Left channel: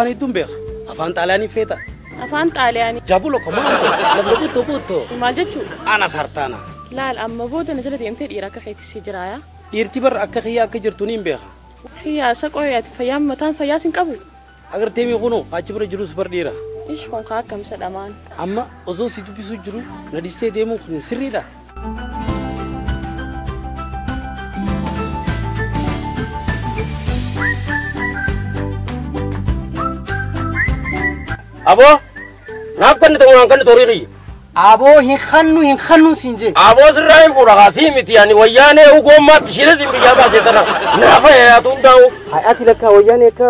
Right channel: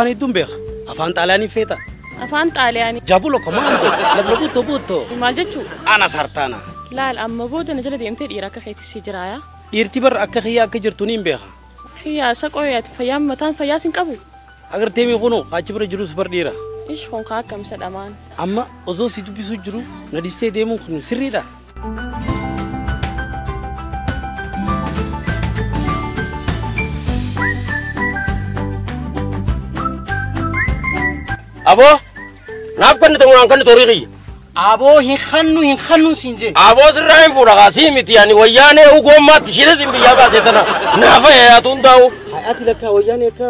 afaan ittuun beeka. Afaan xaaliyaanii feeta. Afaan xaaliyaanii. Jabulo komaatu. Butto. Ana sartaana. Laala amma booda na deemtee dhiira akka ta'e fitiraaya. Dhiirti bar akka xiyyaa akka jirtu niin beeka. Xiyyaa isa qoyaatu fayyaa mataan fayyaa sin qabu. Agartee mee kunoo achi bira jirus bar dhiira. Ish konkolaataa musa dhabaa. Amma osoo si dubbisuu jiru gadistee deemuun sun sirriidha. Abo, naaf kan toriqi. Abo hin khannu sinje. Abo sirraa hin fuudha kaasii miti yaani wayyaanee ugommaatti shida dhimmiidhaa baasee kana naafa yaatuun ta'u. Ati lakka wayyaanee ka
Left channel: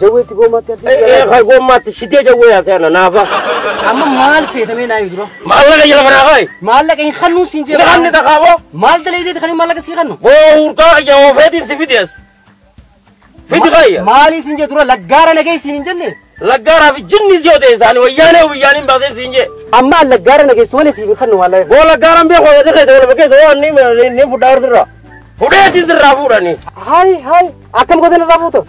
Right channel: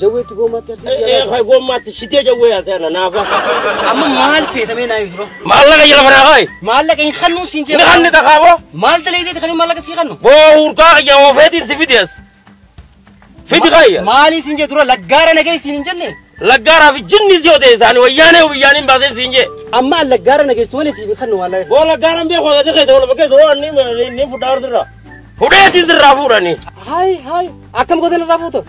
jawweetti gommaatti arsiisa. Ka gommaatti shidee jawwee yaasee ana naafa. Maal feetamee naa yuduro. Maallaqa jala manaa kaayi. Maallaqa hin khannu sinje. Naqanni taqaaboo. Maal daleedeeti kan maallaqa sii khannu. Urtaa iyyamoo feetiin si fidees. Fiti kayya. Maali sinje duro laggaara nageessiin hin jenne. Laggaara fi jinni ziyoote isaanii wayyaaniin baasee siinjee. Amma laggaara nageessu malee siif kannu wallahi. Boo laggaaraan beeku jedhee ta'e bakkee ta'uu ni fudhaa irraa. Fudheetiin sirraa fuudhani. Hai akkam gootee irraa fuutu.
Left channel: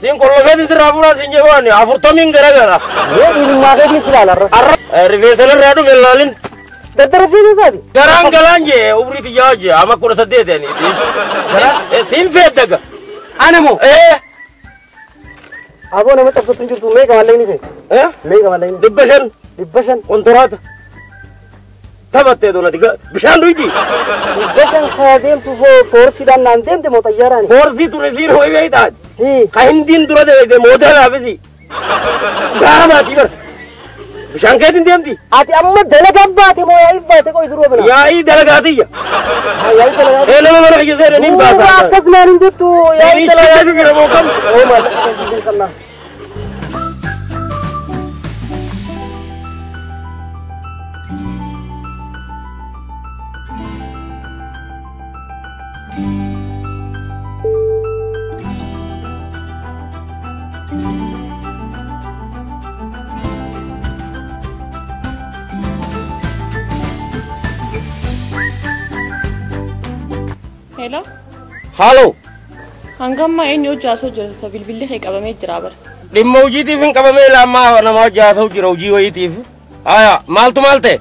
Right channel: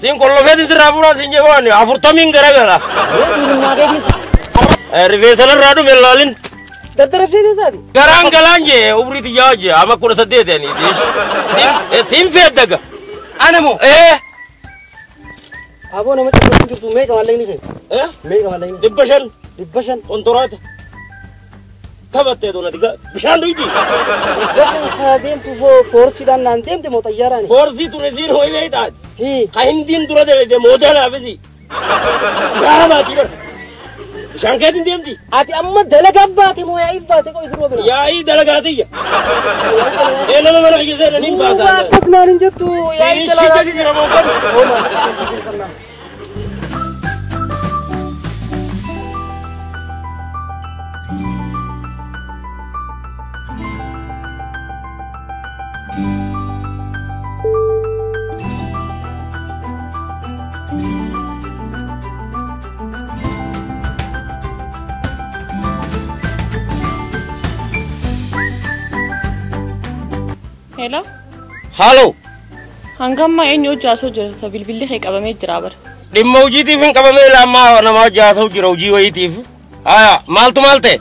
Siin kollofeetiin sirraa fuudhaa siinjee waan 40 garagara. Maatii silaalarra. Rifeensa irraa dhume ilaalin. Daddarabsiisee isaati. Garaan galaan jee umrii biyyaa hojjee amma 18 siin feeddaka. Animu. Abo nama tokko jirtu meeqa wallee ni fe'e. Meeqa wallee ni. 500. Kontoraata. Taphattee doonati bishaan duydi. Bishaan deemtu foorsiidhaan naan deemte moo xayyaaraan. Foorsii ture siin ho'i beeytaati. Ka hindiin dura deemte mooteelaafisi. Kaama ati bar. Bishaan keetiin deemti. Ati amma dalagaa baate moo yaa'ii baate qo'i duruu bina. Yaa'ii dalagaatiyya. Nama mana fayyisee dhaniin baasa. Akkasumaan hin jirtu yaa'ii dalagaati jira moo kan. Halo. Hangam eenyu jaasoo jirta bilbilli kee qabamee jira bar. Dhimma hojiitiif hin qabamee lammaa nama jaasoo jira hojii wayiitiif. Aya maaltu maalte?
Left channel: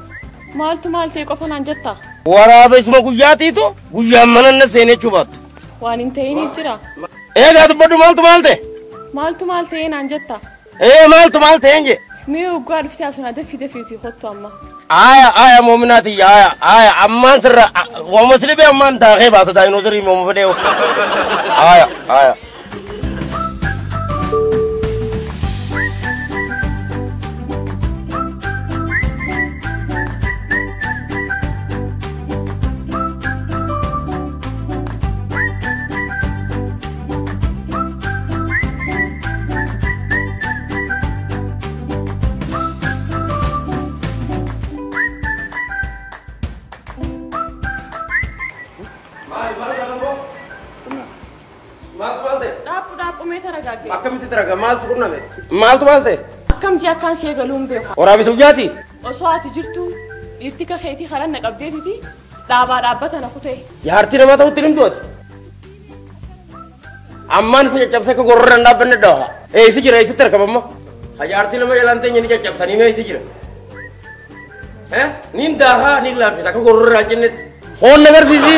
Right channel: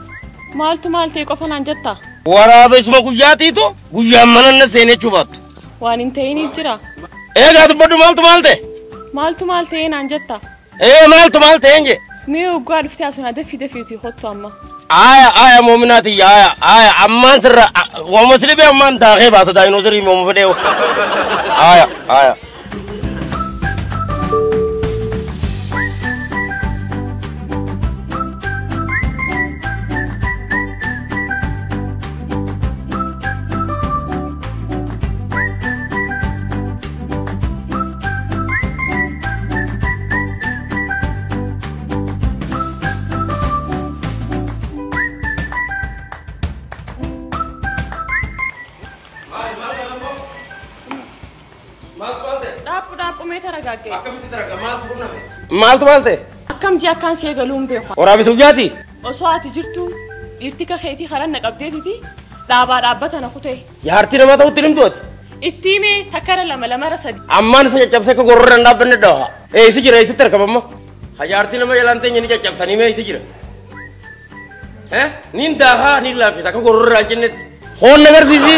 Maaltu qofa naan jetta. Waraabesuma guyyaatiitu guyyaan mananna seenee chubaattu. Waan hin ta'iniif jira. Eegaa dubbadhu maaltu maalte? Maaltu naan jetta. Maaltu maalte eenye? Mii uggaa dhuftee asuna dafii hottu amma. Aya moominaati aya ammaan sirra wama silibe ammaan taaqee baasa daayinoosirii moomu fedhee. Aya. Akkamitti daraga maaltu qunname? Maaltu maalte? Akkam jaakkaan see galuun jira. Waraabesuma guyyaati? Osoo ati jirtu dhiirti kafeetii haala naqabdee nuti dhaabaa dhaabbata na kutee. Jaartii nama ta'utti dhimmooti? Itti himee takkara lama sadi. Ammaan isa caccabsee akka gorroo dandaabanne dhawa. Eessi jira eessitti argama amma. Jaartii nama ilaaltee nyatti caccabsanii mee eessi jira? Niin daafaa niin laaffisa akka gorroo irraa jennetti. Foon agarsiisa.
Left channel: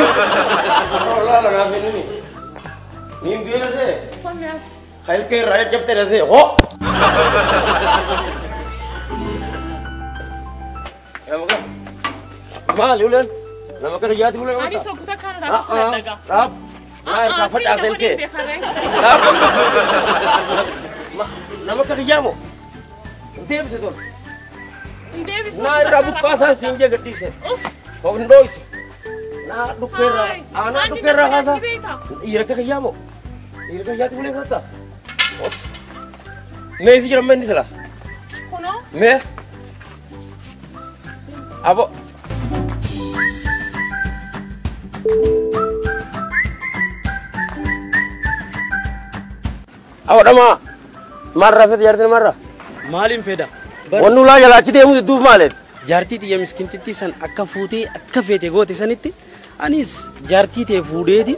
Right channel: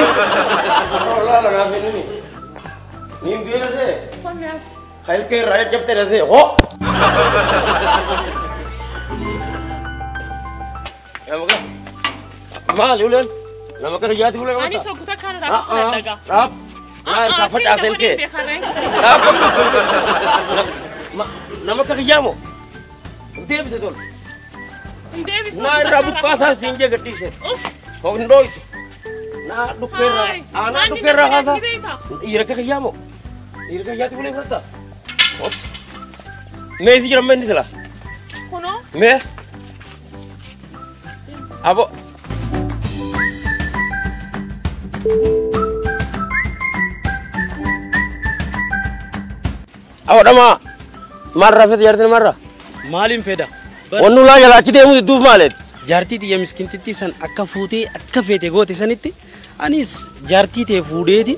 Laala naaf ennini. Niin beela see. Famiyaas. Khail ke rakyat jab tere se ho मैं इसी जन्म में नहीं चला मैं अब डमा मार रहा फिर यार मार रहा मालिम फेदा वन्नू ला यार अच्छी देवु दूफ माले जाती थी ये मिस्किन कितनी सन अक्का फेदे गोती सनिती अनिस जाती थी फूडे थी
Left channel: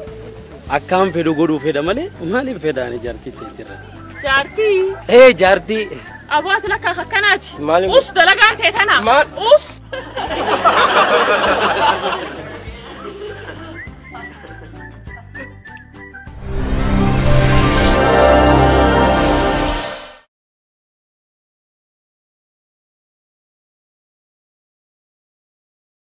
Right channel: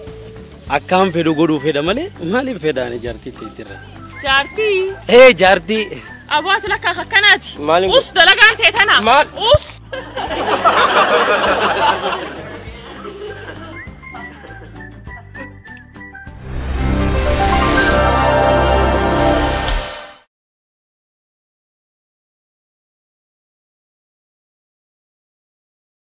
Akkaan fedhu godhuu fedha malee maaliif fedhaan Jaartii. jaartii. Abbaa sila akkanaati. Maaliif? Us dalagaan ta'e sana. Maal? Us.